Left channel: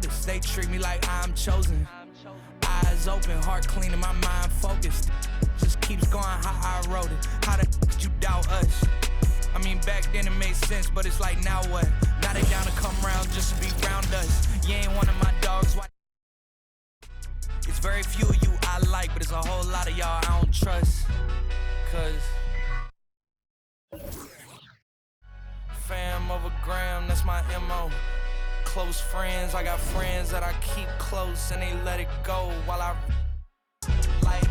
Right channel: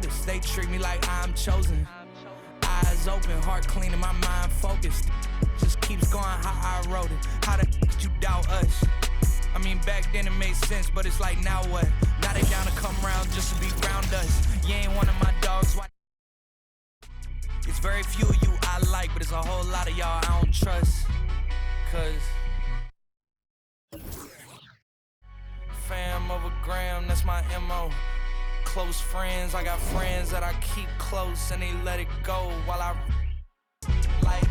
notice. They treat me like I'm chosen. Eyes open, heart clean, and my mind focused. Just keeps going how I wrote it. How the did you doubt us? I mean, back then it made sense, but it's like, now what? Now they down to come around just to be around us. You ain't one of my dogs. Why? It's very few of you I like, but it's a whole lot of y'all I don't trust. Cause fam over gram, that's my MO. Close friends, I got friends that I keep close and they let it go while I like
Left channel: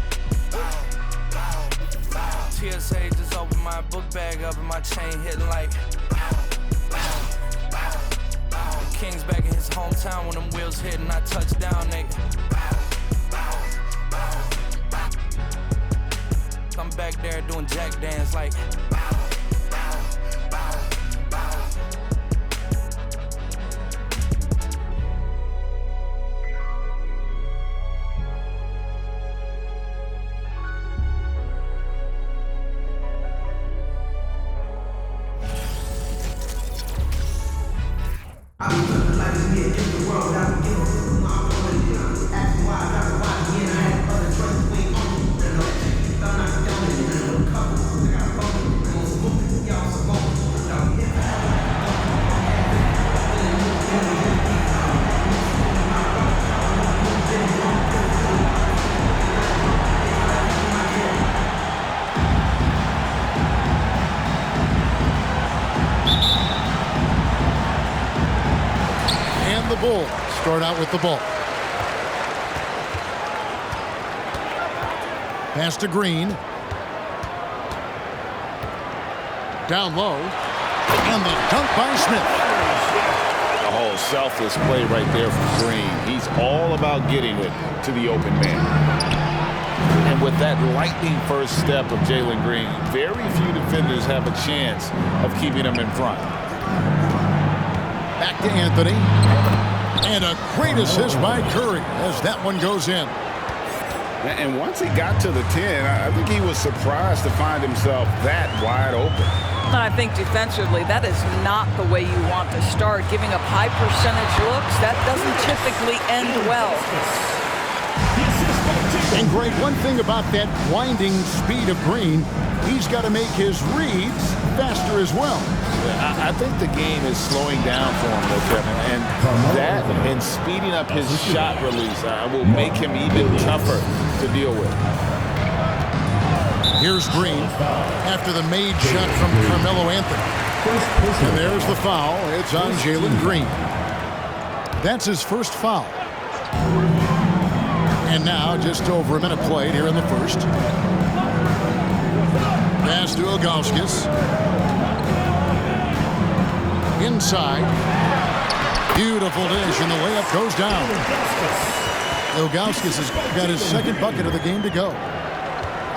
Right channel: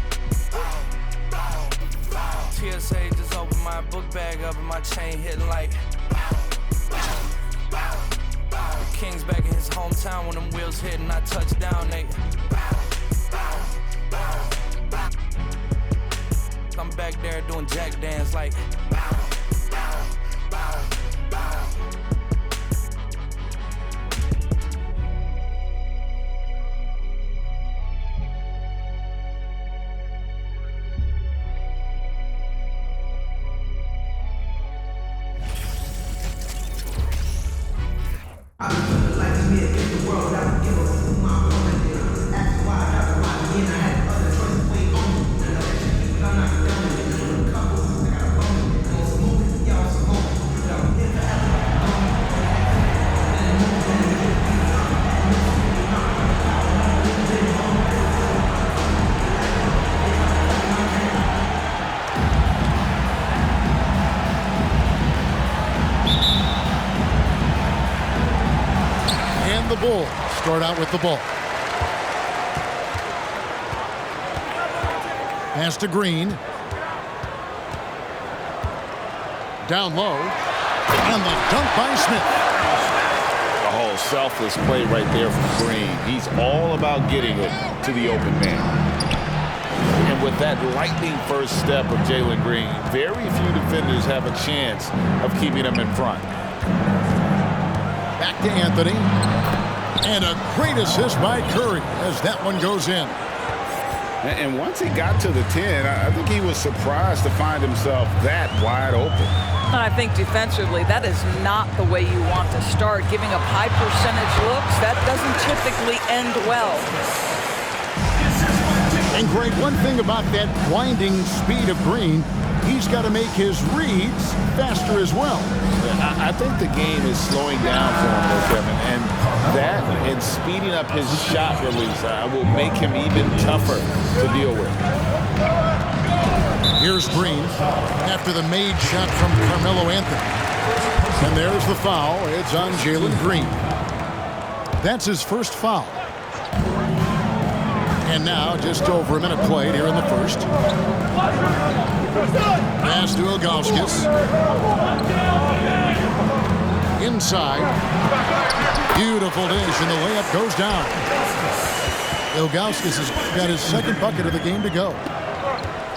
bow, bow, bow. TSA just opened my book bag up and my chain hitting like bow, bow, bow, bow. King's back in his hometown when them wheels hit and I touch down, they bow, bow, bow, bow. I'm back there doing jack dance like bow, bow, bow, bow. I be living like to me against the world. I don't give a fuck my opponent. Asking why I got the body and I had other choices waiting on me. You know that shit, I'm not down with it. With a couple, I got a bone. I'm on some movie, y'all some bone. But I'll be here forever. And the Bulls start out with the ball. Pass to Green. Down low. And the dunk by Smith. A whole selfless play right there from Green. He's all about getting it to the open man. And with that lightning first step of Jalen Green, very few defenders have a chance of keeping him in front. Back to Anthony. And a great assist by Curry as that one goes in. And once he got to the 10, I think he was surprised to find himself that wide open. And I think defensively, that is not the way you want to start. Giving up high percentage looks, that doesn't typically end well. And Greg, one thing about that blinding speed of Green, he's got to make his reads faster as well. I think the game is slowing down for him, though, Kevin. And that and speeding up his shot release will make him even tougher to deal with. Here's Green after the made shot from Carmelo Anthony. And there's the foul. It's on Jalen Green. That's his first foul. And now just over a minute played here in the first. Pass to Ilgauskas. Inside. Beautiful dish, and the layup goes down. Ilgauskas has got his second bucket of the game to go.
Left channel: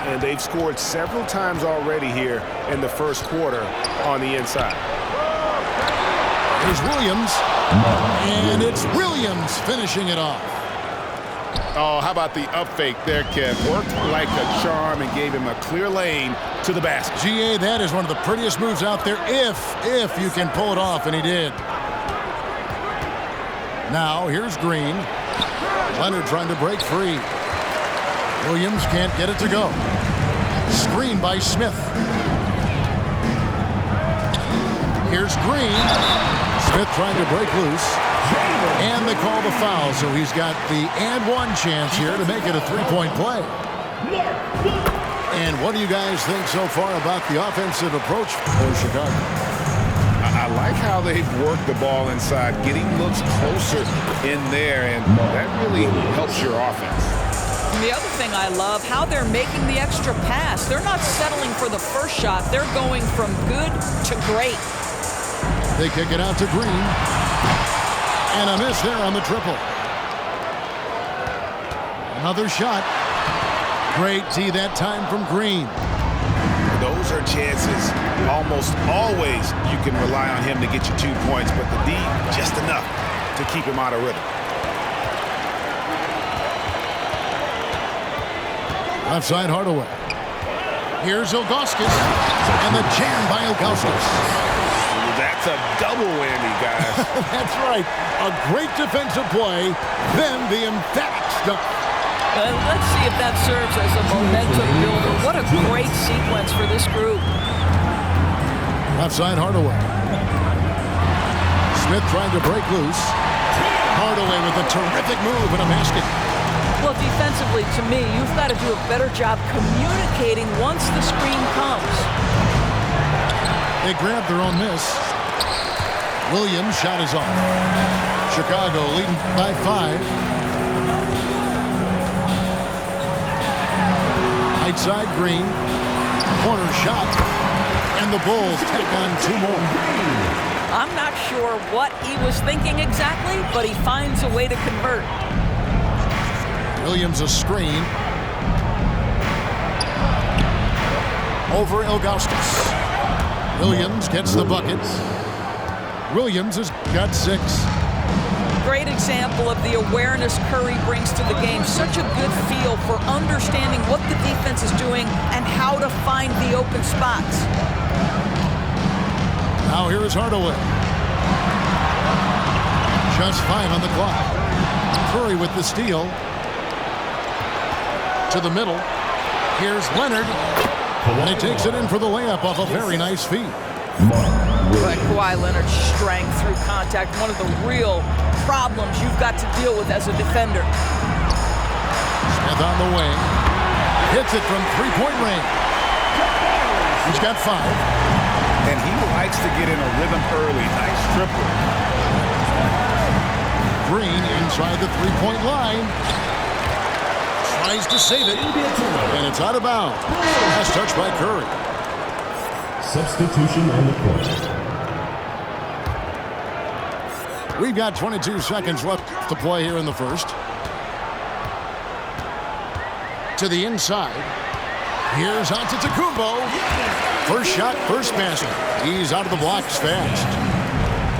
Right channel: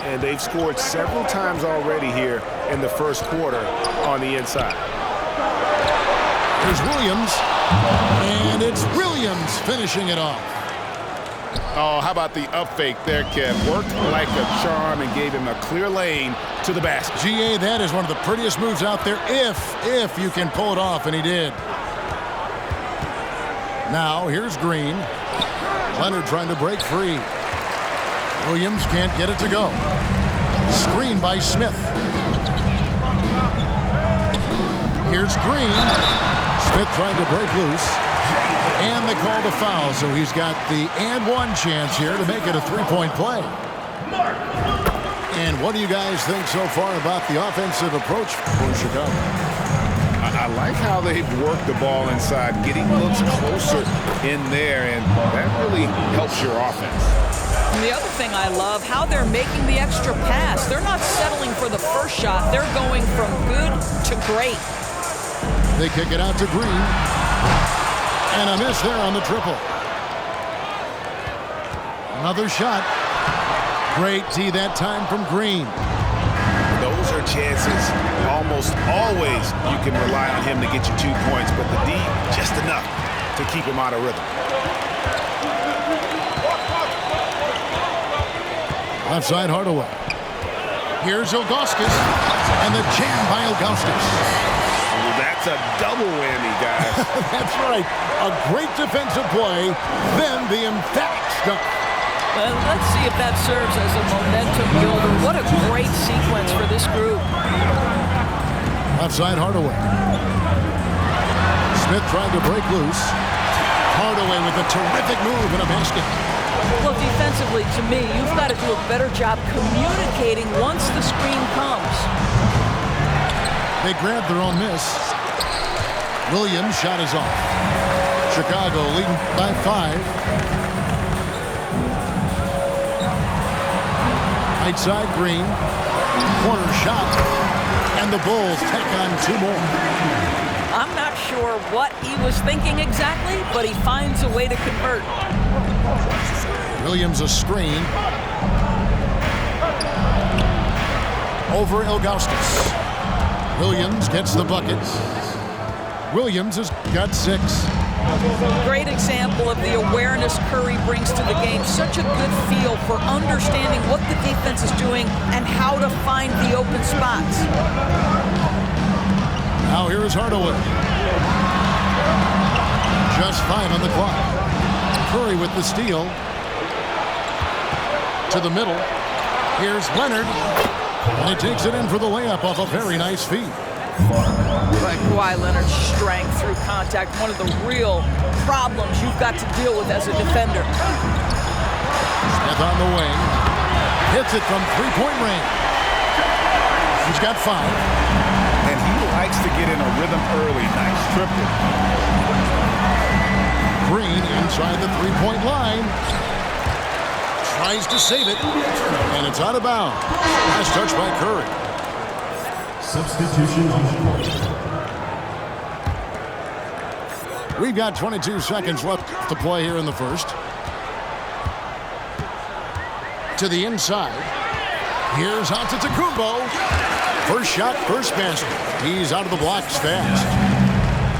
And they've scored several times already here in the first quarter on the inside. Here's Williams. And it's Williams finishing it off. Oh, how about the up fake there, Kev? Worked like a charm and gave him a clear lane to the basket. GA, that is one of the prettiest moves out there if you can pull it off, and he did. Now, here's Green. Leonard trying to break free. Williams can't get it to go. Screen by Smith. Here's Green. Smith trying to break loose. And they call the foul, so he's got the and one chance here to make it a three-point play. And what do you guys think so far about the offensive approach for Chicago? I like how they've worked the ball inside, getting looks closer in there, and that really helps your offense. And the other thing I love, how they're making the extra pass. They're not settling for the first shot. They're going from good to great. They kick it out to Green. And a miss there on the triple. Another shot. Great D that time from Green. Those are chances. Almost always you can rely on him to get you 2 points, but the D, just enough to keep him out of rhythm. Left side Hardaway. Here's Ilgauskas. And the jam by Ilgauskas. that's a double whammy, guys. That's right. A great defensive play, then the emphatic stuff. Let's see if that serves as a momentum builder. What a great sequence for this group. Left side, Hardaway. Smith trying to break loose. Hardaway with a terrific move and a basket. Well, defensively, to me, you've got to do a better job communicating once the screen comes. They grabbed their own miss. Williams' shot is off. Chicago leading by 5. Right side, Green. Corner shot. And the Bulls tack on 2 more. I'm not sure what he was thinking exactly, but he finds a way to convert. Williams a screen. Over Ilgauskas. Williams gets the bucket. Williams has got 6. Great example of the awareness Curry brings to the game. Such a good feel for understanding what the defense is doing and how to find the open spots. Now here is Hardaway. Just 5 on the clock. Curry with the steal. To the middle. Here's Leonard. And he takes it in for the layup off a very nice feed. But Kawhi Leonard's strength through contact, one of the real problems you've got to deal with as a defender. Smith on the wing. Hits it from 3-point range. He's got 5. And he likes to get in a rhythm early. Nice triple. Green inside the 3-point line. Tries to save it. And it's out of bounds. Last touch by Curry. Substitution on the court. We've got 22 seconds left to play here in the first. To the inside. Here's Antetokounmpo. First shot, first basket. He's out of the blocks fast.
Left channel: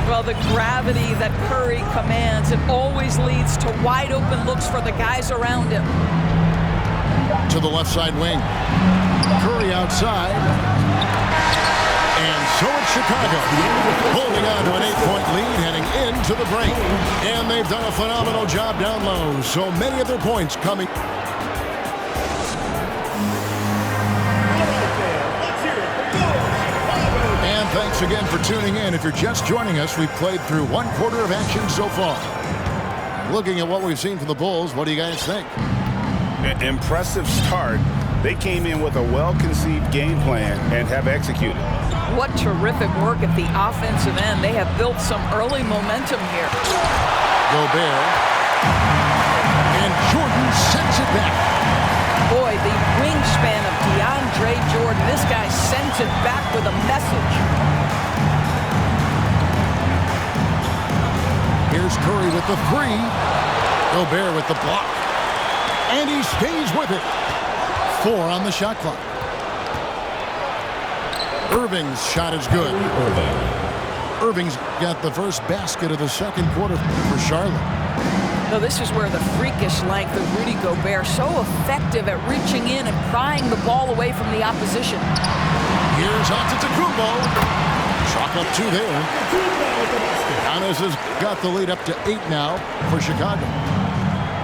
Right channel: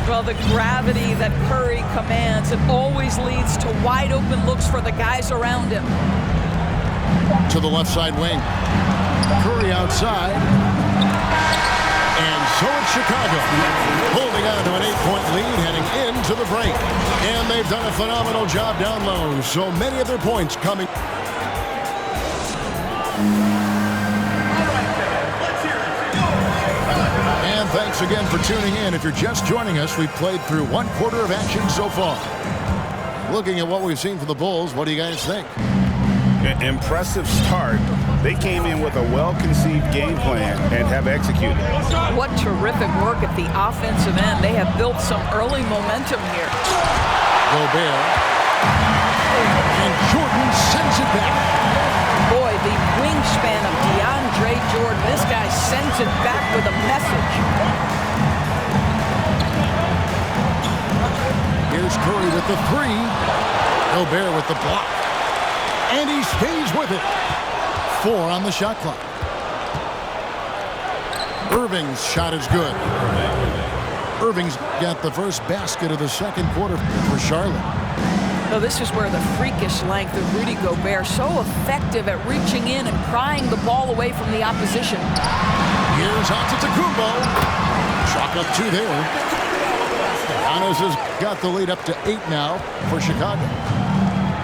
Well, the gravity that Curry commands, it always leads to wide open looks for the guys around him. To the left side wing. Curry outside. And so it's Chicago, holding on to an 8-point lead heading into the break. And they've done a phenomenal job down low. So many of their points coming. And thanks again for tuning in. If you're just joining us, we've played through 1 quarter of action so far. Looking at what we've seen from the Bulls, what do you guys think? Impressive start. They came in with a well-conceived game plan and have executed. What terrific work at the offensive end. They have built some early momentum here. Gobert. And Jordan sends it back. Boy, the wingspan of DeAndre Jordan. This guy sends it back with a message. Here's Curry with the 3. Gobert with the block. And he stays with it. 4 on the shot clock. Irving's shot is good. Irving's got the first basket of the second quarter for Charlotte. So this is where the freakish length of Rudy Gobert, so effective at reaching in and prying the ball away from the opposition. Here's Antetokounmpo. Chalk up 2 there. Giannis has got the lead up to 8 now for Chicago.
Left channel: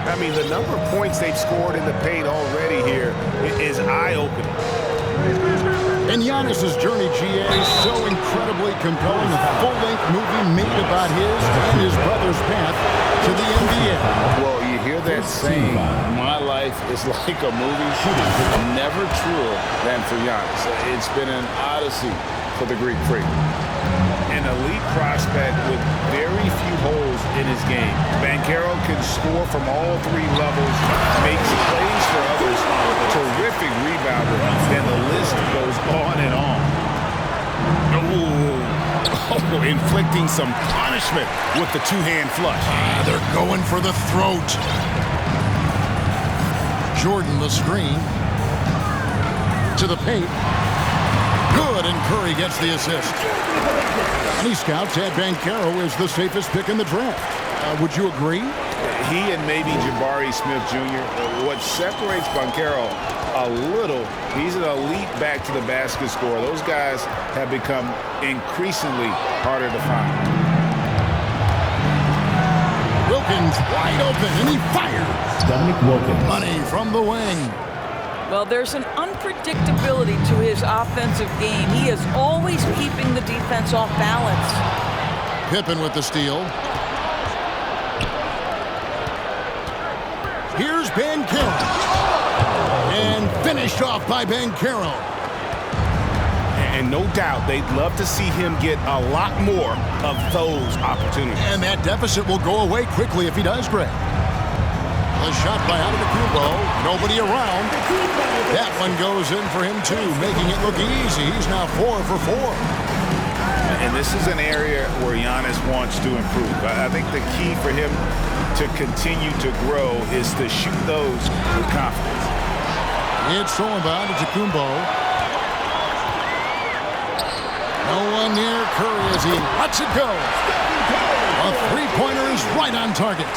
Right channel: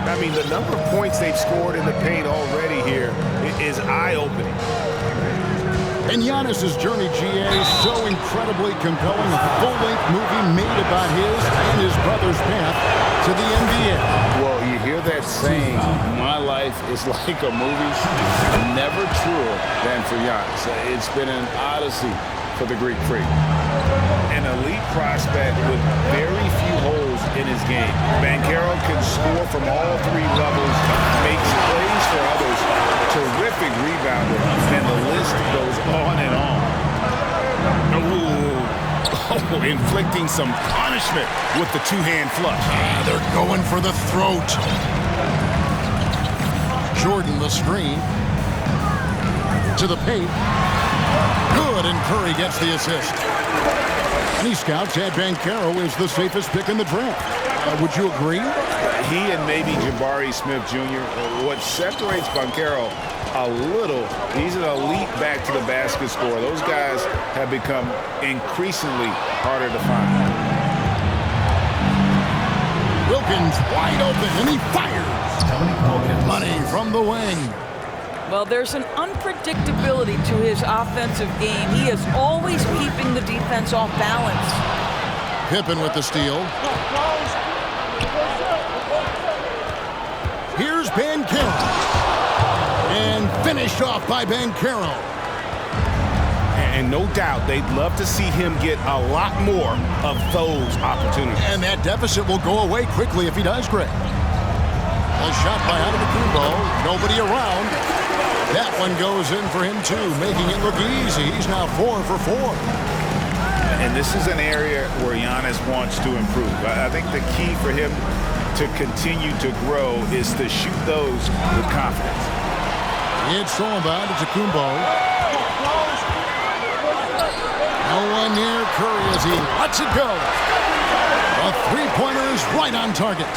I mean, the number of points they've scored in the paint already here is eye-opening. And Giannis's journey, GA, so incredibly compelling. A full-length movie made about his and his brother's path to the NBA. Well, you hear that saying, my life is like a movie. Never truer than for Giannis. It's been an odyssey for the Greek Freak. An elite prospect with very few holes in his game. Banchero can score from all 3 levels, makes plays for others, terrific rebounder, and the list goes on and on. Oh, inflicting some punishment with the 2-hand flush. They're going for the throat. Jordan the screen. To the paint. Good, and Curry gets the assist. Many scouts had Banchero as the safest pick in the draft. Would you agree? He and maybe Jabari Smith Jr. What separates Banchero a little. He's an elite back to the basket scorer. Those guys have become increasingly harder to find. Wilkins wide open, and he fires. Dominic Wilkins. Money from the wing. Well, there's an unpredictability to his offensive game. He is always keeping the defense off balance. Pippen with the steal. Here's Banchero. And finished off by Banchero. And no doubt they'd love to see him get a lot more of those opportunities. And that deficit will go away quickly if he does, Greg. A shot by Antetokounmpo. Nobody around. That one goes in for him, too, making it look easy. He's now 4 for 4. And this is an area where Giannis wants to improve. I think the key for him to continue to grow is to shoot those with confidence. It's all about Antetokounmpo. No one near Curry as he lets it go. A three-pointer is right on target.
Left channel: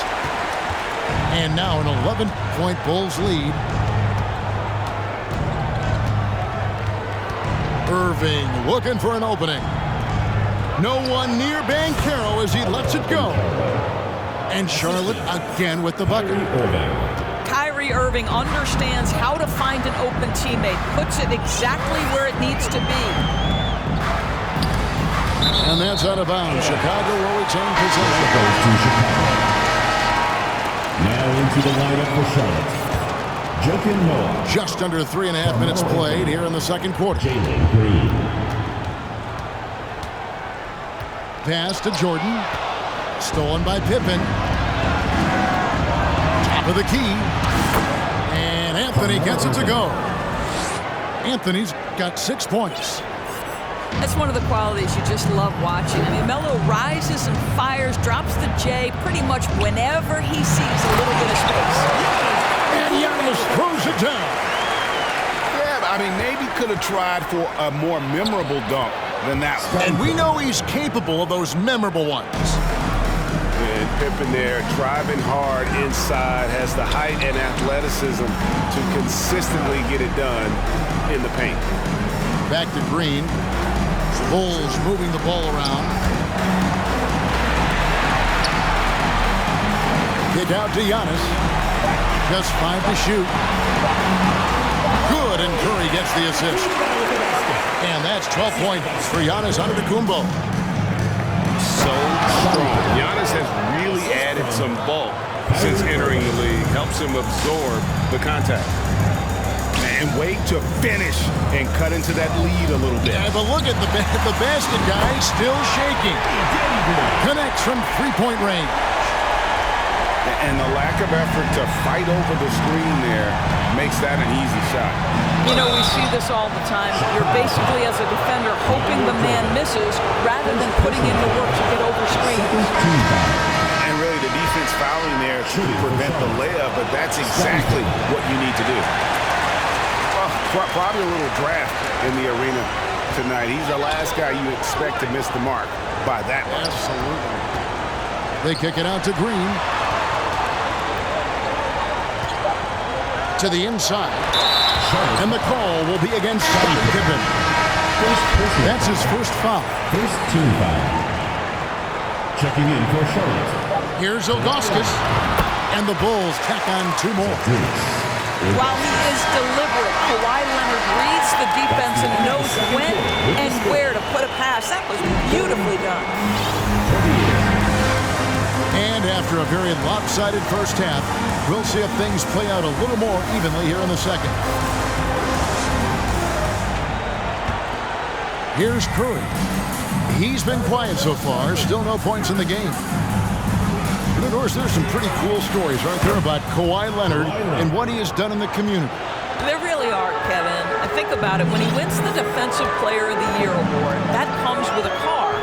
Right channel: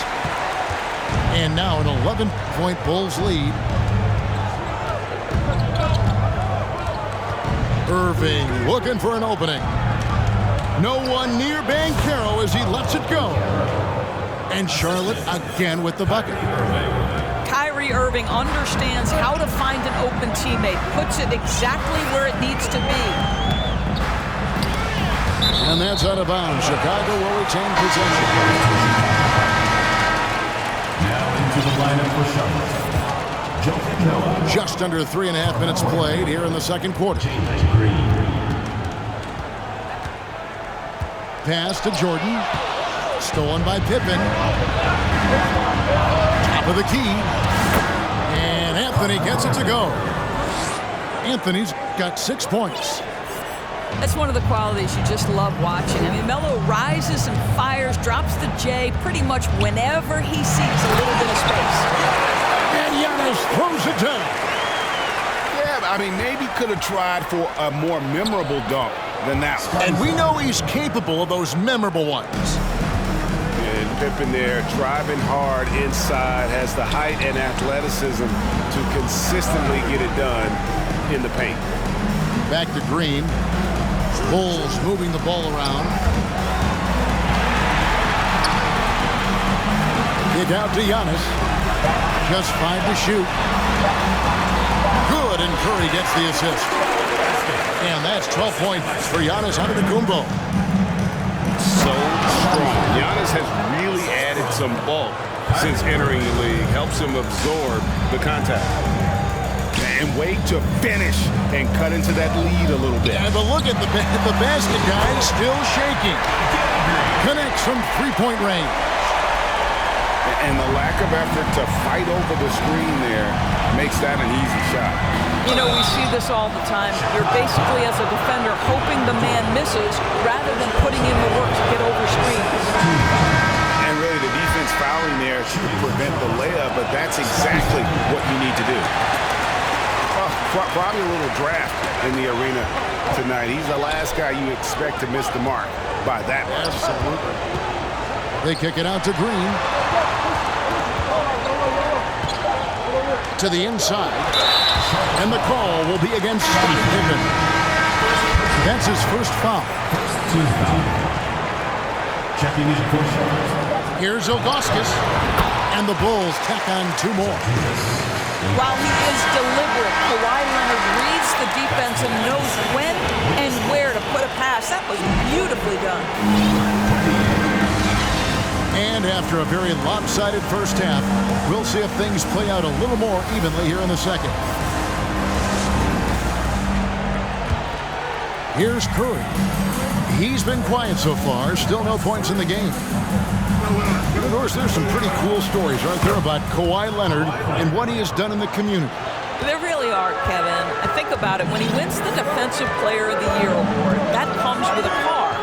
And now an 11-point Bulls lead. Irving looking for an opening. No one near Banchero as he lets it go. And Charlotte again with the bucket. Kyrie Irving understands how to find an open teammate, puts it exactly where it needs to be. And that's out of bounds. Chicago will retain possession. Now into the lineup for Charlotte. Joakim Noah. Just under 3.5 minutes played here in the second quarter. Jalen Green. Pass to Jordan. Stolen by Pippen. Top of the key. And Anthony gets it to go. Anthony's got 6 points. That's one of the qualities you just love watching. I mean, Melo rises and fires, drops the J pretty much whenever he sees a little bit of space. And Giannis throws it down. Yeah, I mean, maybe could have tried for a more memorable dunk than that one. And we know he's capable of those memorable ones. And Pippen there, driving hard inside, has the height and athleticism to consistently get it done in the paint. Back to Green. Bulls moving the ball around. Kick out to Giannis. Just 5 to shoot. Good, and Curry gets the assist. And that's 12 points for Giannis Antetokounmpo. So strong. Giannis has really added some bulk since entering the league. Helps him absorb the contact. And wait to finish and cut into that lead a little bit. Yeah, but look at the basket guy still shaking. Connects from 3-point range. And the lack of effort to fight over the screen there makes that an easy shot. You know, we see this all the time. You're basically, as a defender, hoping the man misses rather than putting in the work to get over screens. And really, the defense fouling there to prevent the layup, but that's exactly what you need to do. Probably a little draft in the arena tonight. He's the last guy you expect to miss the mark by that much. Absolutely. They kick it out to Green. To the inside. And the call will be against Scottie Pippen. That's his first foul. First team foul. Checking in for Charlotte. Here's Ilgauskas. And the Bulls tack on 2 more. While he is deliberate, Kawhi Leonard reads the defense and knows when and where to put a pass. That was beautifully done. And after a very lopsided first half, we'll see if things play out a little more evenly here in the second. Here's Curry. He's been quiet so far. Still no points in the game. But of course, there's some pretty cool stories, aren't there, about Kawhi Leonard and what he has done in the community. There really are, Kevin. I think about it. When he wins the Defensive Player of the Year award, that comes with a car.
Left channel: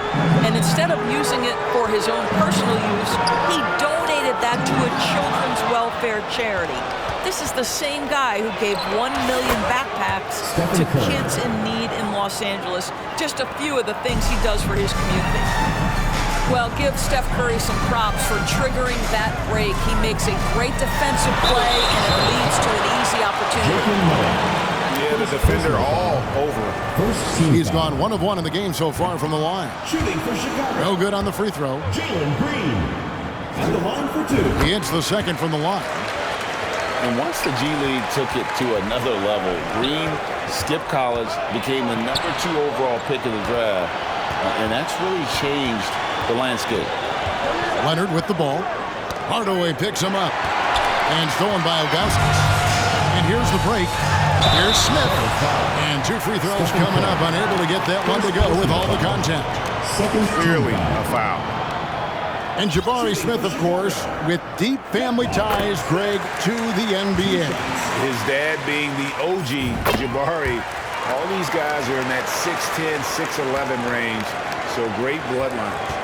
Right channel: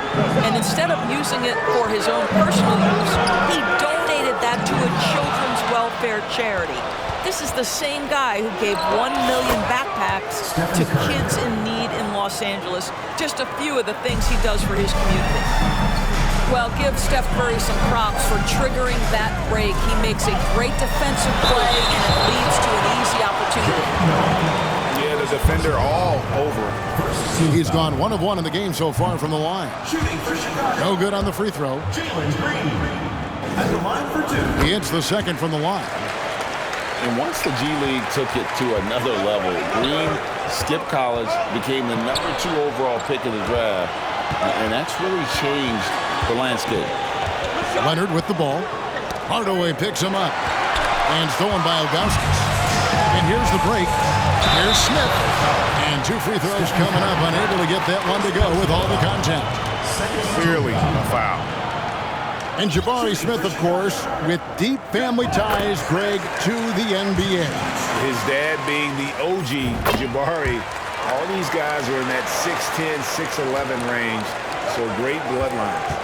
And instead of using it for his own personal use, he donated that to a children's welfare charity. This is the same guy who gave 1 million backpacks to kids in need in Los Angeles. Just a few of the things he does for his community. Well, give Steph Curry some props for triggering that break. He makes a great defensive play, and it leads to an easy opportunity. Yeah, the defender all over him. He's gone 1 of 1 in the game so far from the line. Shooting for Chicago. No good on the free throw. Jalen Green at the line for 2. He hits the second from the line. And once the G League took it to another level, Green skipped college, became the #2 overall pick in the draft, and that's really changed the landscape. Leonard with the ball. Hardaway picks him up. And stolen by Ilgauskas. And here's the break. Here's Smith. And 2 free throws coming up. Unable to get that one to go with all the contact. Clearly a foul. And Jabari Smith, of course, with deep family ties, Greg, to the NBA. His dad being the OG Jabari. All these guys are in that 6'10", 6'11" range. So great bloodlines.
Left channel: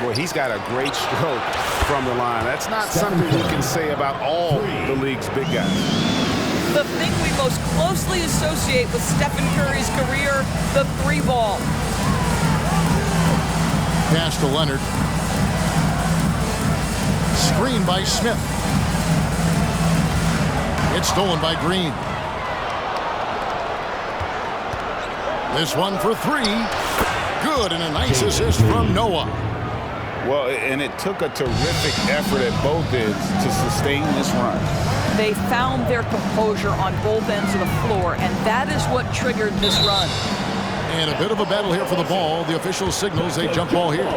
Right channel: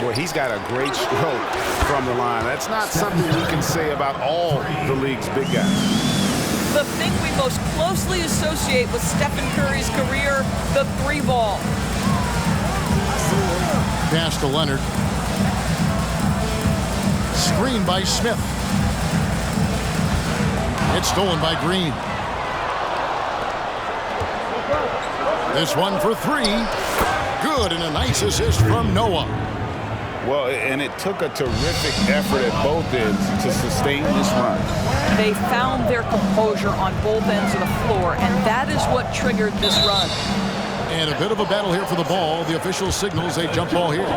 Boy, he's got a great stroke from the line. That's not something we can say about all the league's big guys. The thing we most closely associate with Stephen Curry's career, the 3-ball. Pass to Leonard. Screen by Smith. It's stolen by Green. This one for 3. Good, and a nice assist from Noah. Well, and it took a terrific effort at both ends to sustain this run. They found their composure on both ends of the floor, and that is what triggered this run. And a bit of a battle here for the ball. The official signals a jump ball here.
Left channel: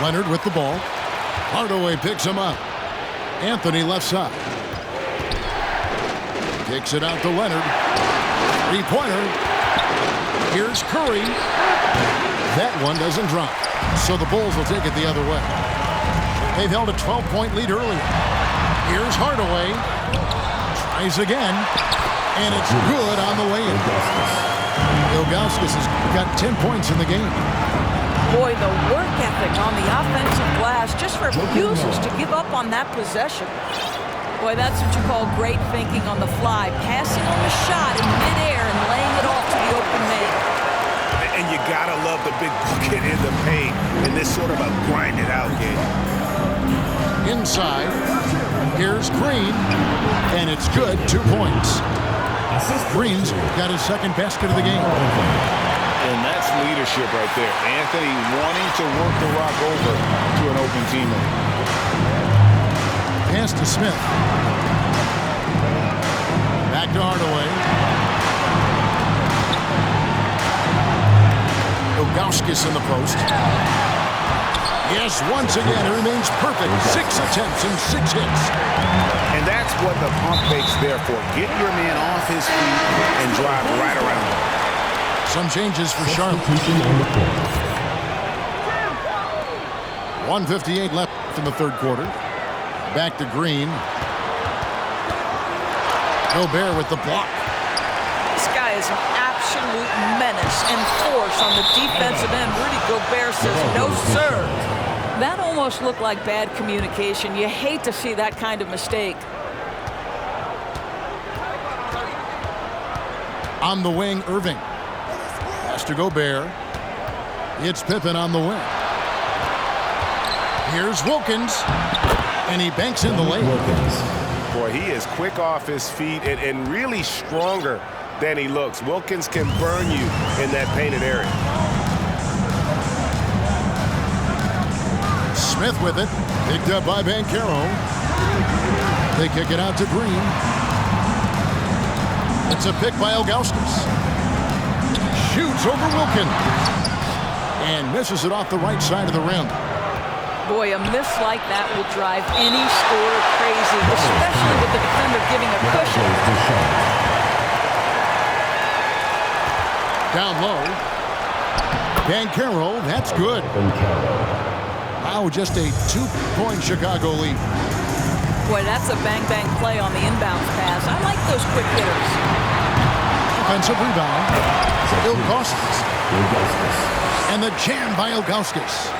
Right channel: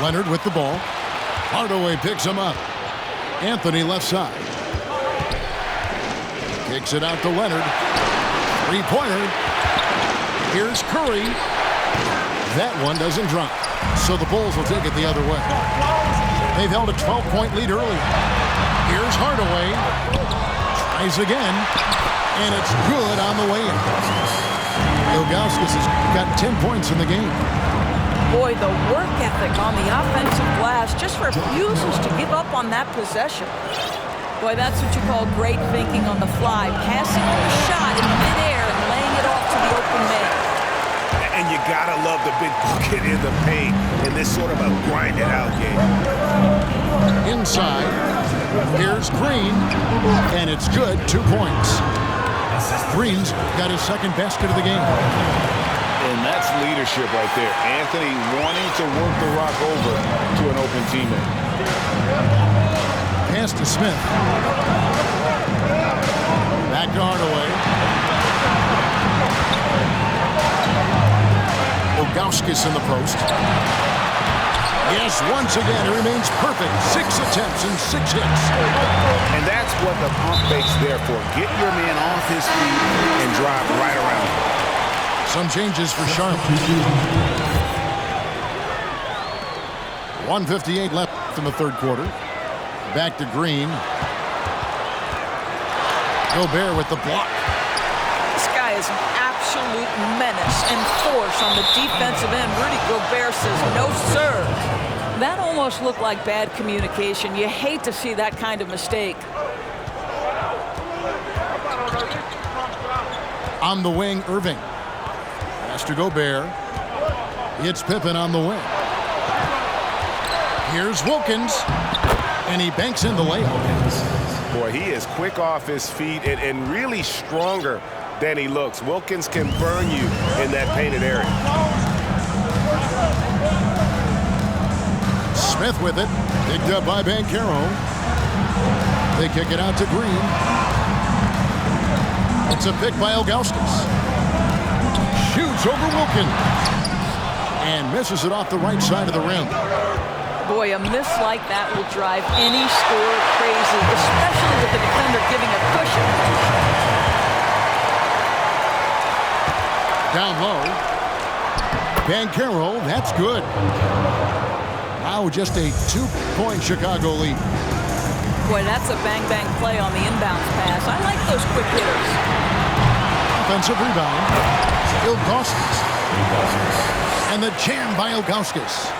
Leonard with the ball. Hardaway picks him up. Anthony left side. Kicks it out to Leonard. 3-pointer. Here's Curry. That one doesn't drop. So the Bulls will take it the other way. They've held a 12-point lead earlier. Here's Hardaway. Tries again. And it's good on the way in. Ilgauskas has got 10 points in the game. Boy, the work ethic on the offensive glass just refuses to give up on that possession. Boy, that's what you call great thinking on the fly. Passing on the shot in midair and laying it off to the open man. And you gotta love the big bucket in the paint in this sort of a grind-it-out game. Inside, here's Green, and it's good, 2 points. Green's got his second basket of the game. And that's leadership right there. Anthony wanting to work the rock over to an open teammate. Pass to Smith. Back to Hardaway. Ilgauskas in the post. Yes, once again, it remains perfect. 6 attempts and 6 hits. And that's what the pump fake's there for. Get your man off his feet and drive right around him. Some changes for Charlotte. 1:58 left in the third quarter. Back to Green. Gobert with the block. This guy is an absolute menace and force on the defensive end. Rudy Gobert says, no, sir. That almost looked like bad communication. You hate to see that kind of mistake. On the wing, Irving. Pass to Gobert. It's Pippen on the wing. Here's Wilkins. And he banks in the layup. Boy, he is quick off his feet and really stronger than he looks. Wilkins can burn you in that painted area. Smith with it. Picked up by Banchero. They kick it out to Green. It's a pick by Ilgauskas. Shoots over Wilkins. And misses it off the right side of the rim. Boy, a miss like that will drive any scorer crazy, especially with the defender giving a cushion. Down low. Banchero, that's good. Now just a 2-point Chicago lead. Boy, that's a bang-bang play on the inbounds pass. I like those quick hitters. Offensive rebound. Ilgauskas. And the jam by Ilgauskas.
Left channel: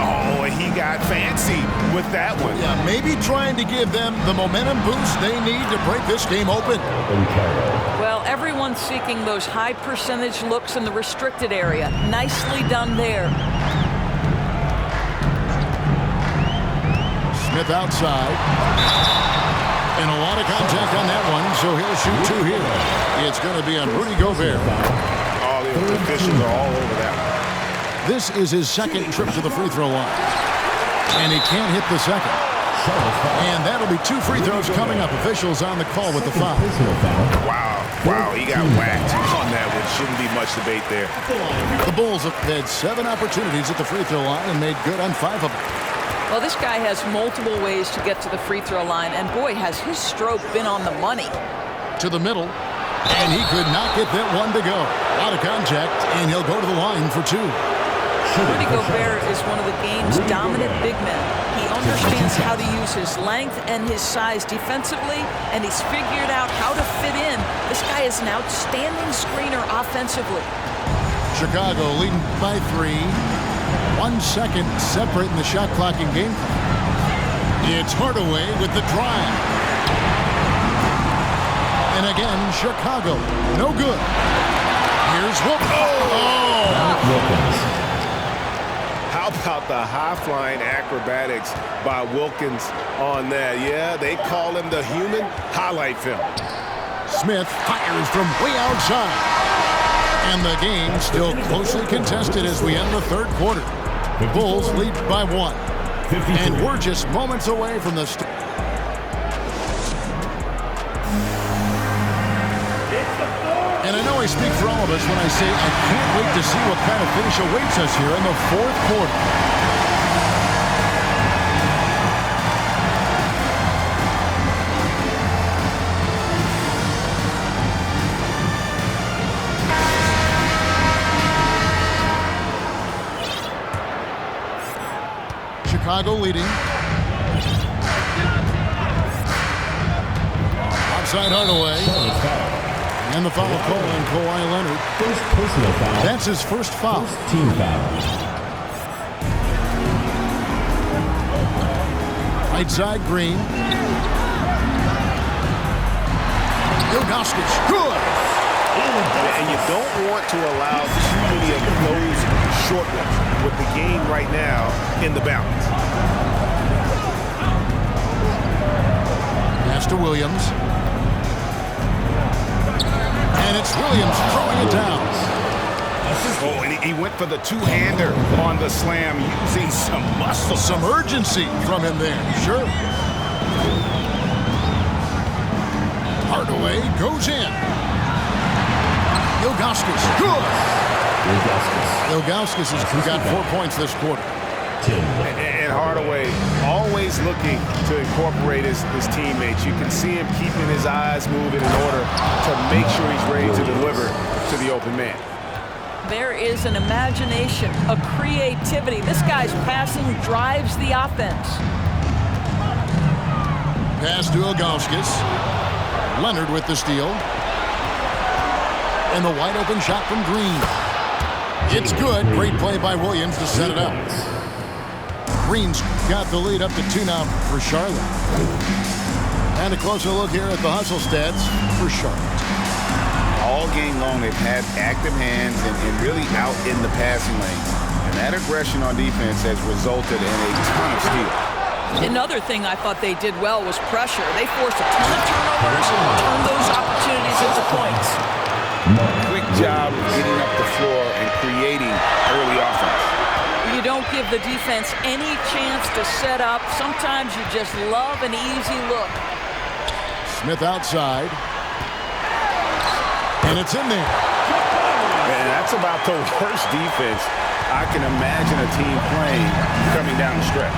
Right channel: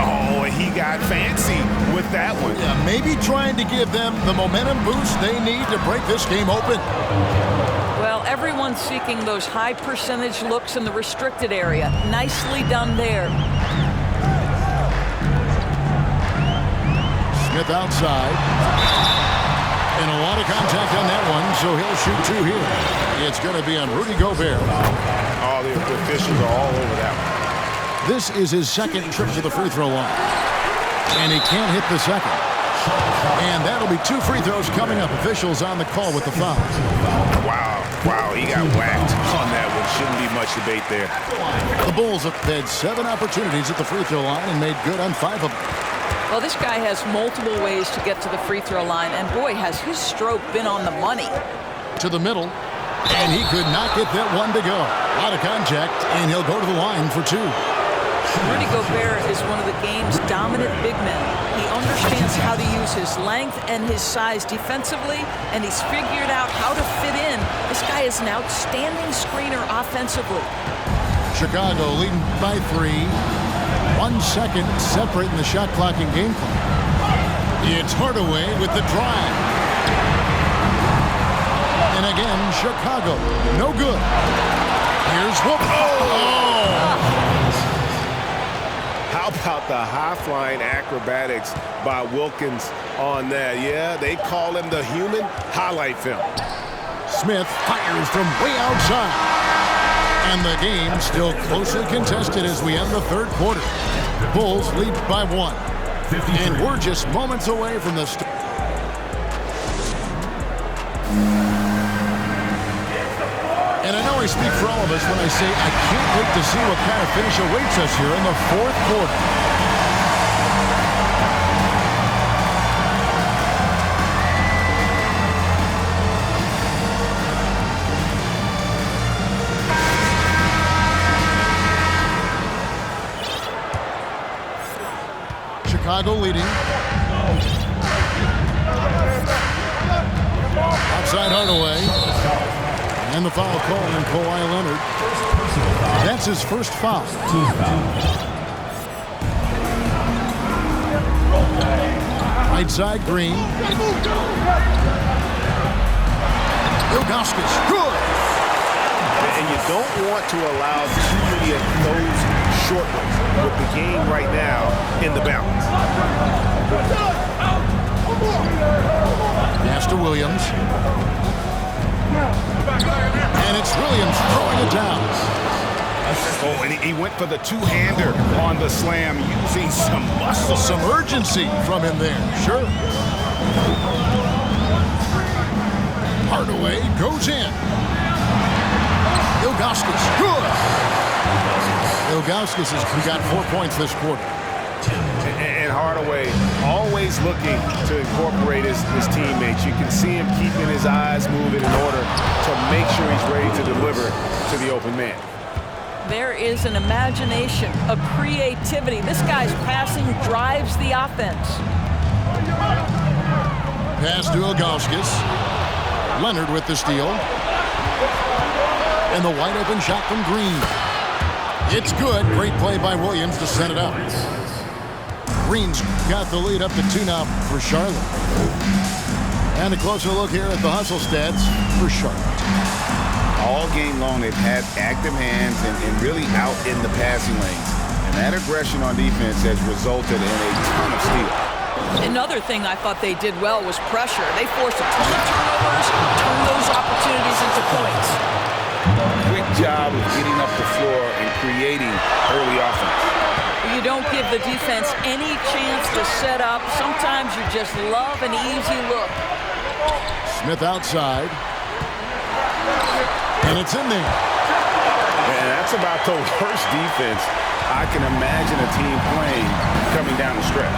Oh, he got fancy with that one. Yeah, maybe trying to give them the momentum boost they need to break this game open. Well, everyone's seeking those high percentage looks in the restricted area. Nicely done there. Smith outside. And a lot of contact on that one, so he'll shoot two here. It's going to be on Rudy Gobert. All the officials are all over that one. This is his second trip to the free throw line. And he can't hit the second. And that'll be 2 free throws coming up. Officials on the call with the foul. Wow, he got whacked on that one. Shouldn't be much debate there. The Bulls have had 7 opportunities at the free throw line and made good on 5 of them. Well, this guy has multiple ways to get to the free throw line, and boy, has his stroke been on the money. To the middle, and he could not get that one to go. A lot of contact, and he'll go to the line for 2. Rudy Gobert is one of the game's dominant big men. He understands how to use his length and his size defensively, and he's figured out how to fit in. This guy is an outstanding screener offensively. Chicago leading by 3. 1 second separating the shot clock and game clock. It's Hardaway with the drive. And again, Chicago. No good. Here's Wilkins. How about the high-flying acrobatics by Wilkins on that? Yeah, they call him the human highlight film. Smith fires from way outside. And the game still closely contested as we end the third quarter. The Bulls lead by 1. And we're just moments away from the start. And I know I speak for all of us when I say I can't wait to see what kind of finish awaits us here in the fourth quarter. Chicago leading. Outside Hardaway. And the foul call on Kawhi Leonard. First personal foul. That's his first foul. Team foul. Right side, Green. Ilgauskas, good. And you don't want to allow too many of those short ones with the game right now in the balance. Pass to Williams. And it's Williams throwing it down. Oh, and he went for the two-hander on the slam using some muscle. Some urgency from him there, sure. Hardaway goes in. Ilgauskas, good. Ilgauskas has got 4 points this quarter. And Hardaway always looking to incorporate his teammates. You can see him keeping his eyes moving in order to make sure he's ready to deliver to the open man. There is an imagination, a creativity. This guy's passing drives the offense. Pass to Ilgauskas. Leonard with the steal. And the wide open shot from Green. It's good. Great play by Williams to set it up. Green's got the lead up to 2 now for Charlotte. And a closer look here at the hustle stats for Charlotte. All game long, they've had active hands and really out in the passing lanes. And that aggression on defense has resulted in a ton of steals. Another thing I thought they did well was pressure. They forced a ton of turnovers, turned those opportunities into points. Quick job of getting up the floor and creating early offense. You don't give the defense any chance to set up. Sometimes you just love an easy look. Smith outside. And it's in there. And that's about the worst defense I can imagine a team playing coming down the stretch.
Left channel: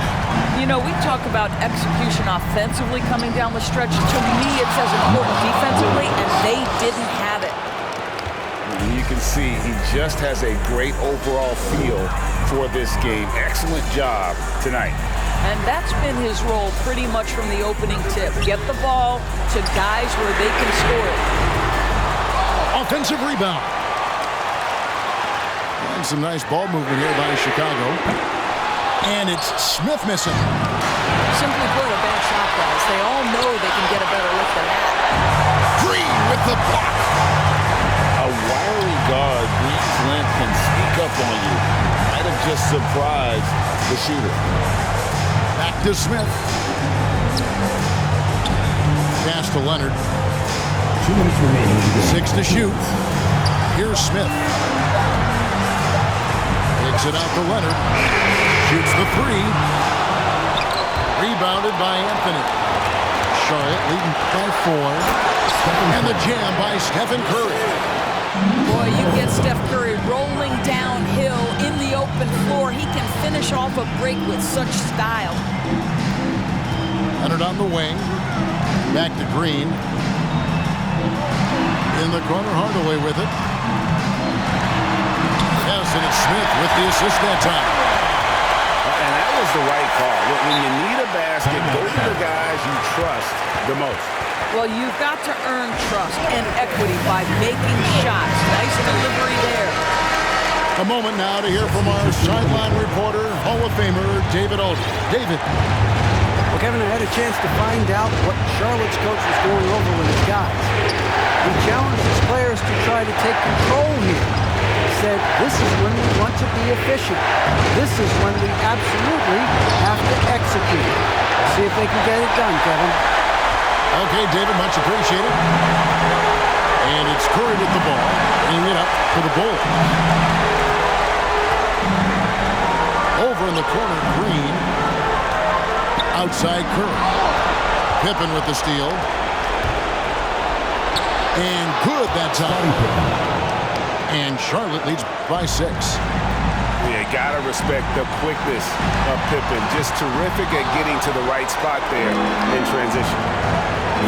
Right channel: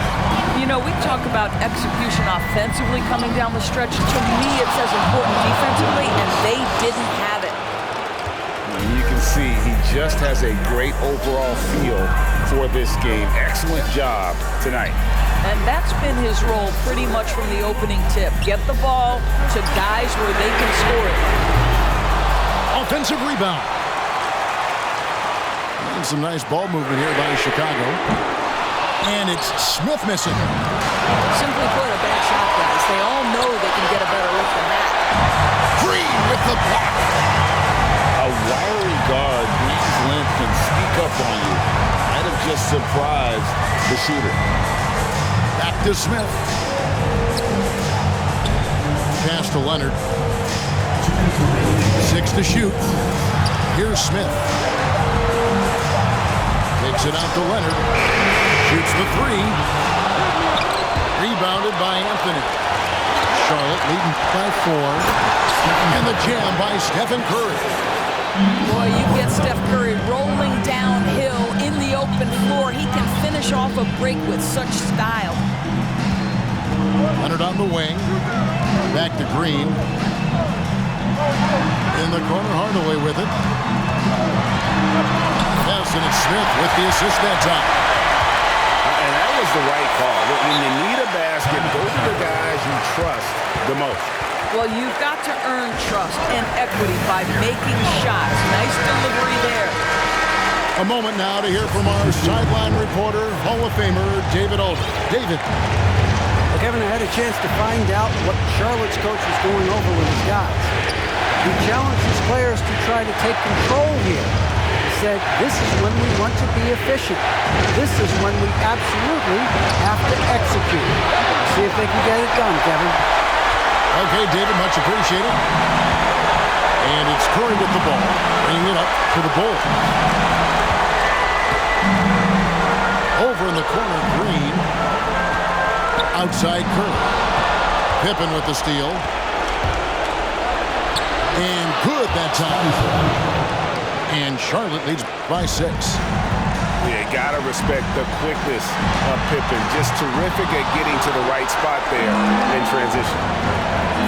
You know, we talk about execution offensively coming down the stretch. To me, it's as important defensively, and they didn't have it. And you can see he just has a great overall feel for this game. Excellent job tonight. And that's been his role pretty much from the opening tip. Get the ball to guys where they can score it. Offensive rebound. And some nice ball movement here by Chicago. And it's Smith missing. Simply put, a bad shot, guys. They all know they can get a better look than that. Green with the block. A wiry guard, Green's length can sneak up on you. Might have just surprised the shooter. Back to Smith. Pass to Leonard. 2 minutes remaining. 6 to shoot. Here's Smith. Takes it out to Leonard. Shoots the 3. Rebounded by Anthony. Charlotte leading by 4. And the jam by Stephen Curry. Boy, you get Steph Curry rolling downhill in the open floor. He can finish off a break with such style. Leonard on the wing. Back to Green. In the corner, Hardaway with it. Yes, and it's Smith with the assist that time. And that was the right call. When you need a basket, go to the guys you trust the most. Well, you've got to earn trust and equity by making shots. Nice delivery there. A moment now to hear from our sideline reporter, Hall of Famer David Aldridge. David. Well, Kevin, I had a chance to find out what Charlotte's coach was going over with his guys. He challenged his players to try to take control here. He said, this is when we want to be efficient. This is when we absolutely have to execute. We'll see if they can get it done, Kevin. Okay, David, much appreciated. And it's Curry with the ball, bringing it up to the Bulls. Over in the corner, Green. Outside Curry. Pippen with the steal. And good that time. And Charlotte leads by 6. Yeah, gotta respect the quickness of Pippen. Just terrific at getting to the right spot there in transition.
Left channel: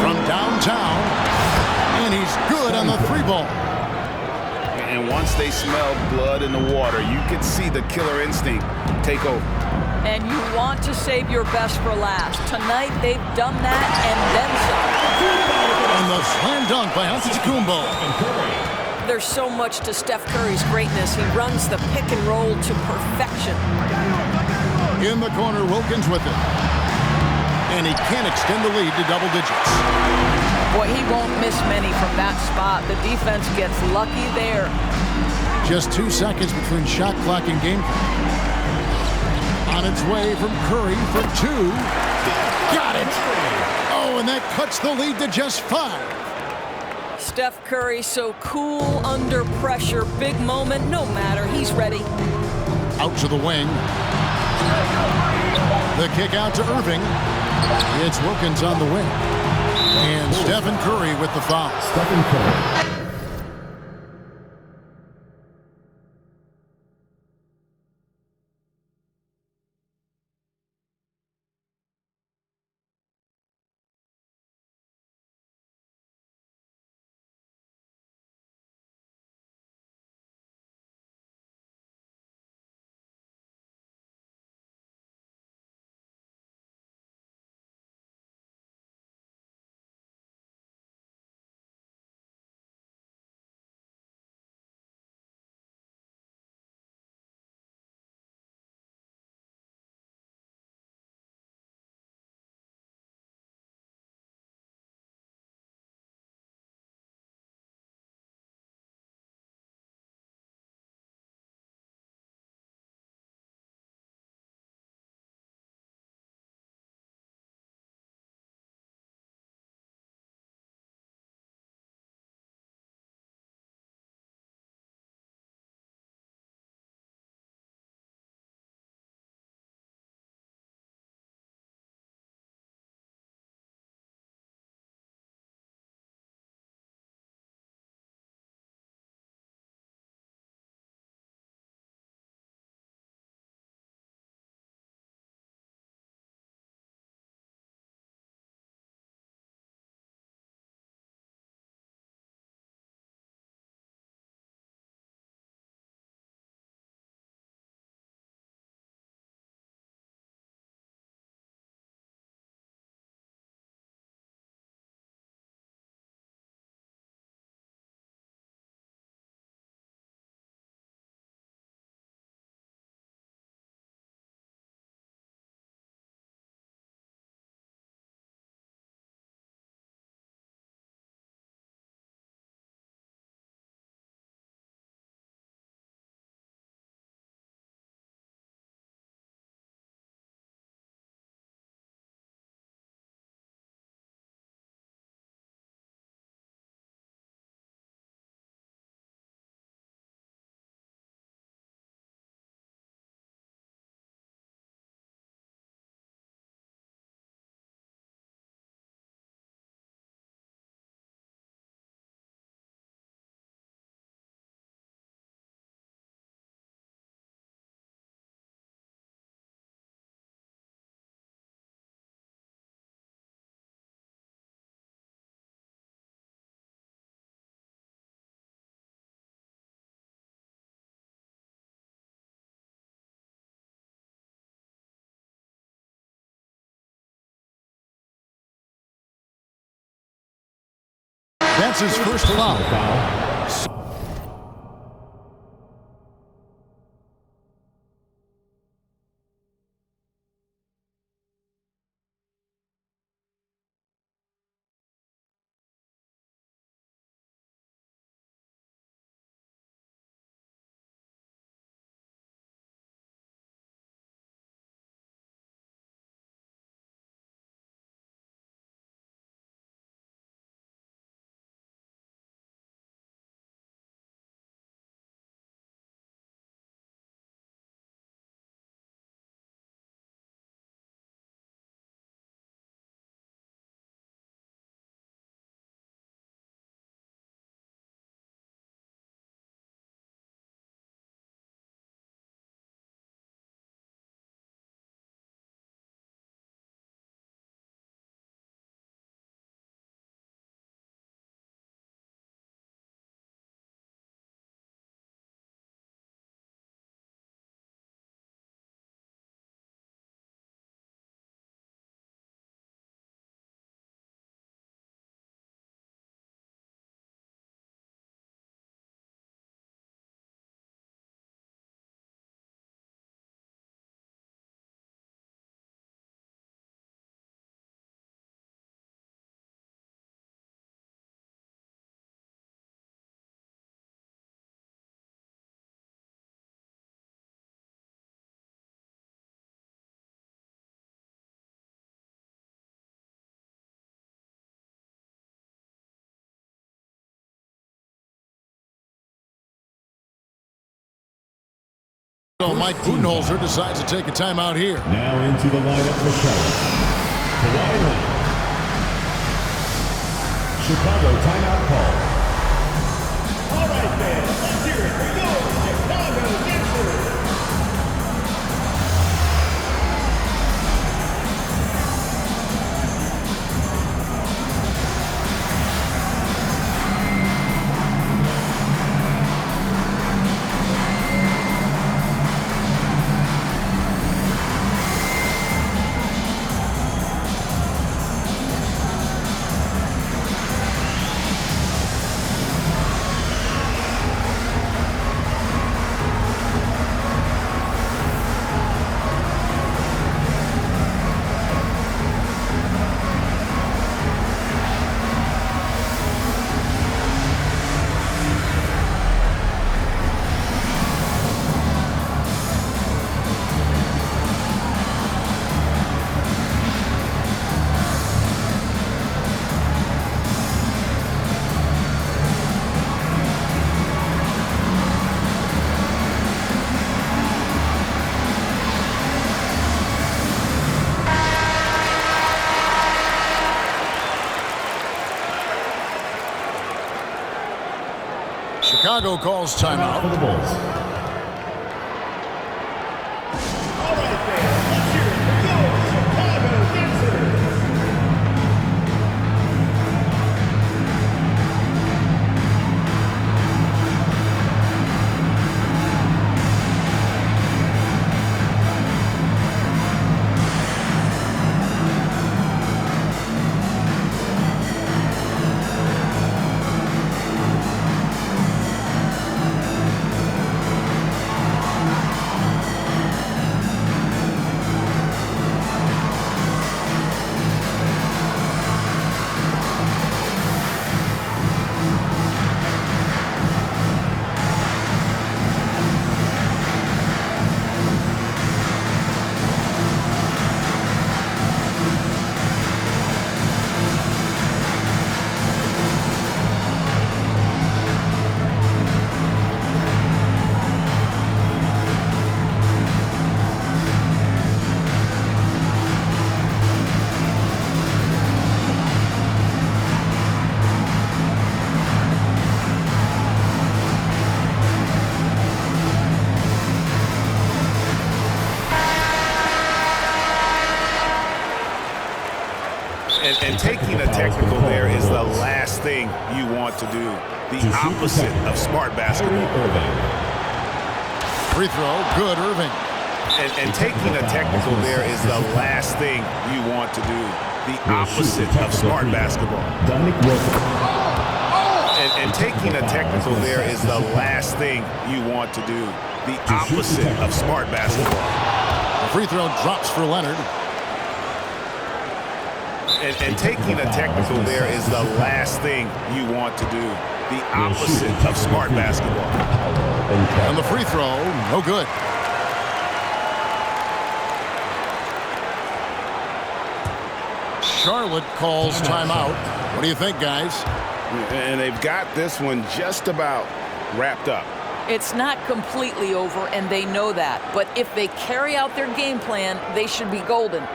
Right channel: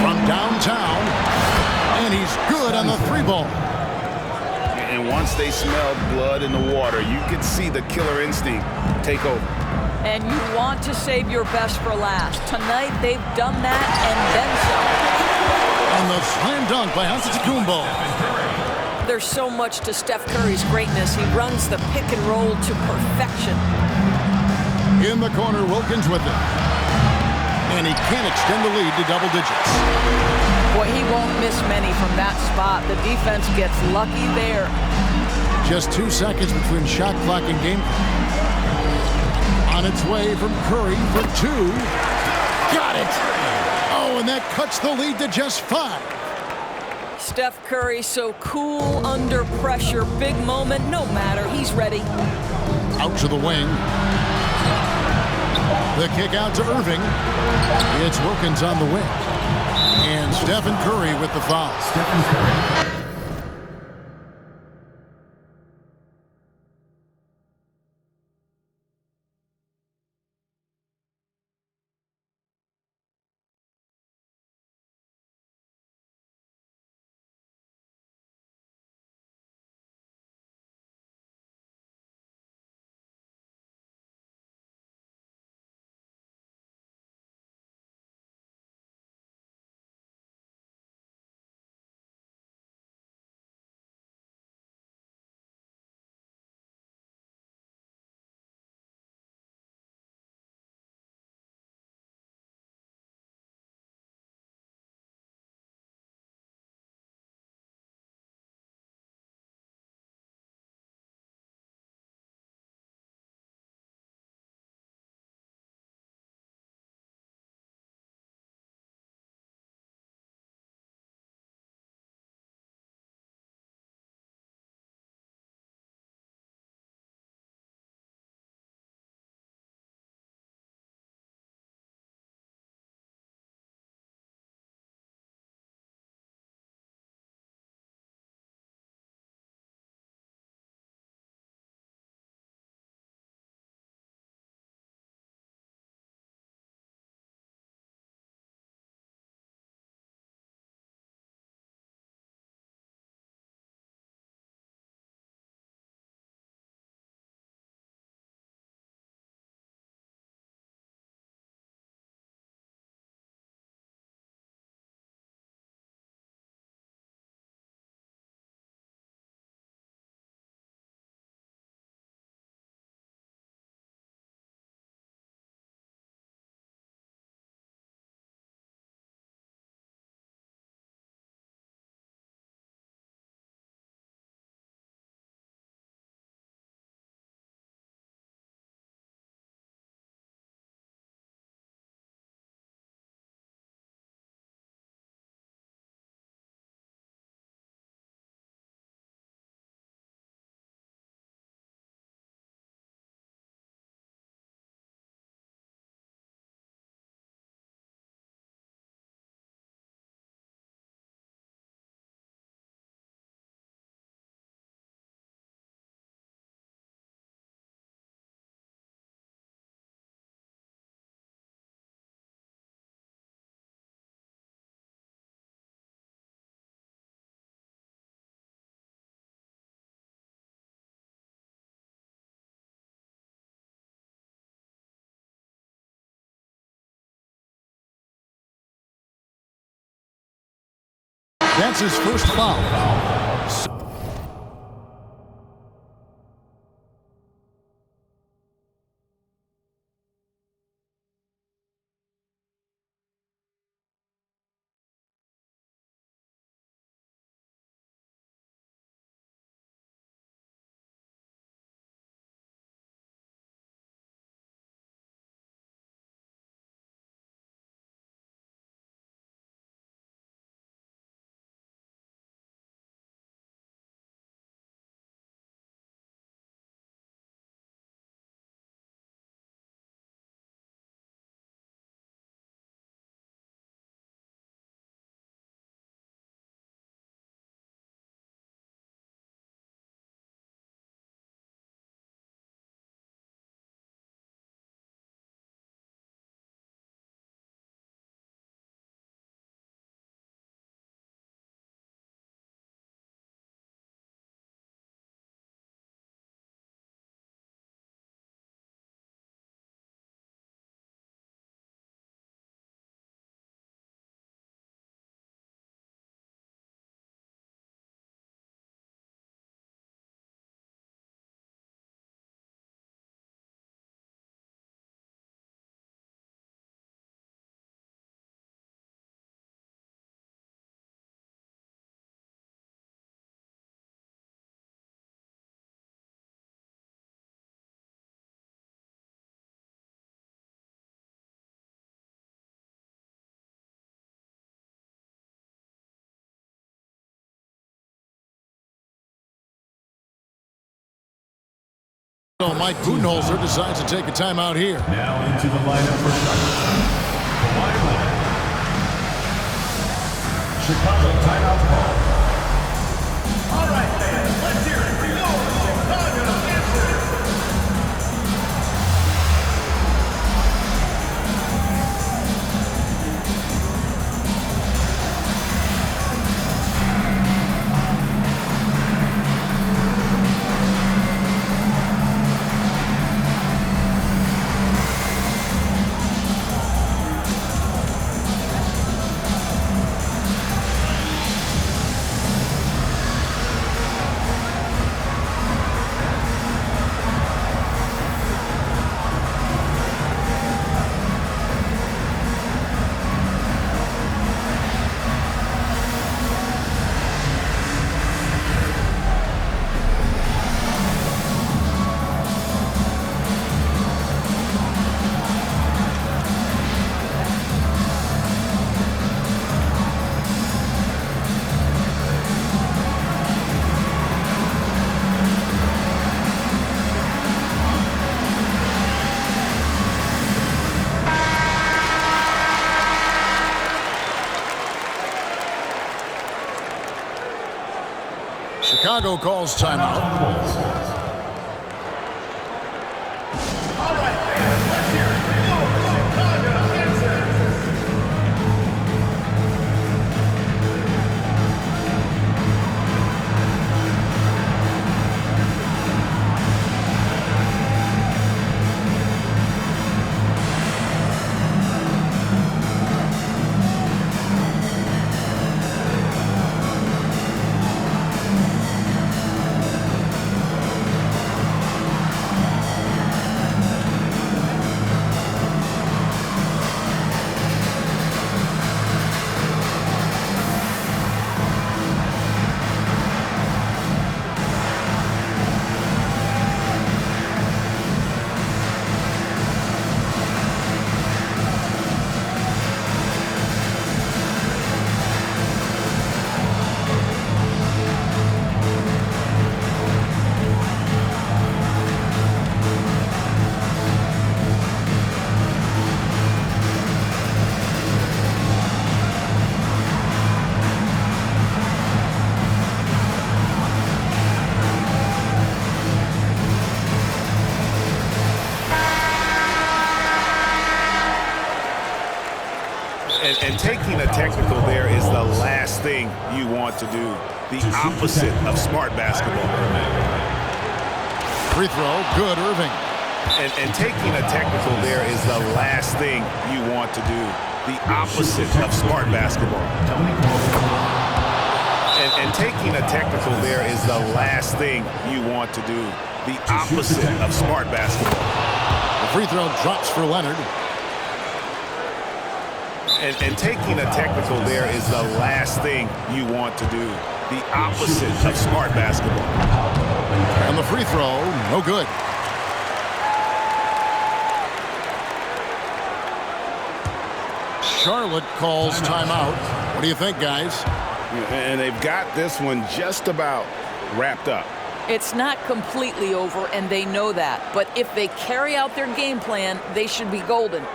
From downtown, and he's good on the 3-ball. And once they smelled blood in the water, you could see the killer instinct take over. And you want to save your best for last. Tonight, they've done that and then some. And the slam dunk by Antetokounmpo. There's so much to Steph Curry's greatness. He runs the pick and roll to perfection. In the corner, Wilkins with it. And he can't extend the lead to double digits. Boy, he won't miss many from that spot. The defense gets lucky there. Just 2 seconds between shot clock and game clock. On its way from Curry for 2. Got it! Oh, and that cuts the lead to just 5. Steph Curry so cool under pressure. Big moment, no matter. He's ready. Out to the wing. The kick out to Irving. It's Wilkins on the wing. And Stephen Curry with the foul. Stephen Curry. That's his first foul. So Mike Budenholzer decides to take a timeout here. Now into the lineup for Charlotte, Kawhi Leonard. Chicago timeout call. All right, fans, let's hear it for your Chicago Gangsters. Chicago calls timeout. For the Bulls. All right, fans, let's hear it for your Chicago Gangsters. And taking a technical there is the last thing you want to do. The opposite of smart basketball. Free throw, good, Irving. And taking a technical there is the last thing you want to do. The opposite of smart basketball. Dominic Wilkins. And taking a technical there is the last thing you want to do. The opposite of smart basketball. The free throw drops for Leonard. And taking a technical there is the last thing you want to do. The opposite of smart basketball. And the free throw, no good. Charlotte calls timeout. What do you think, guys? And they've got this one just about wrapped up. It's not completely over, and they know that. But if they carry out their game plan, they should be golden.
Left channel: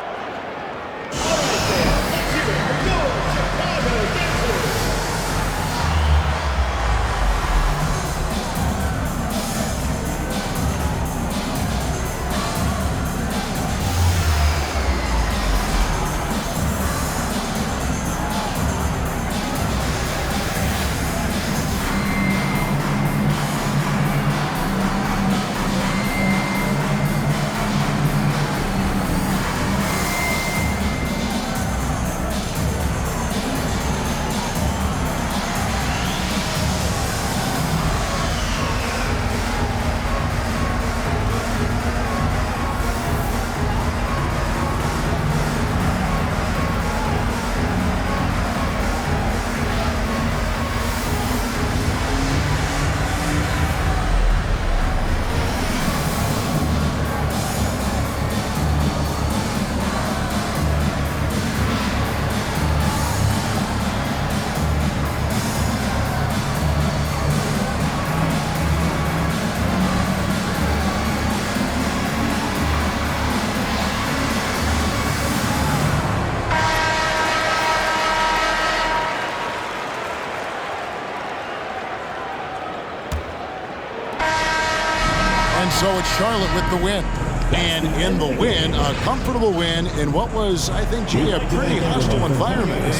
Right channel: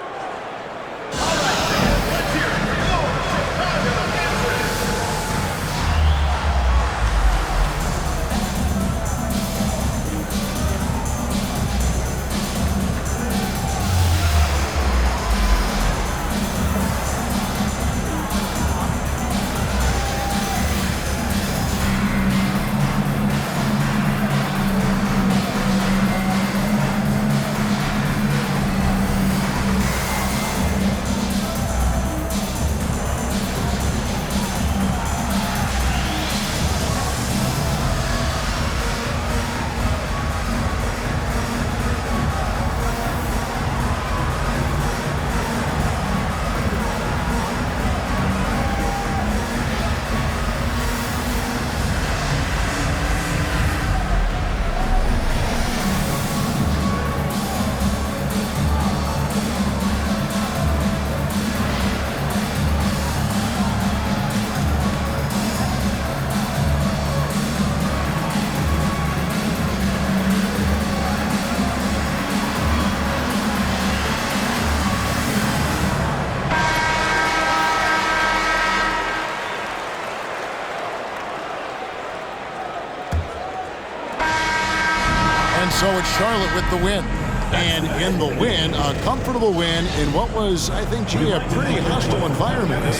And so it's Charlotte with the win. And in the win, a comfortable win in what was, I think, gee, a pretty hostile environment.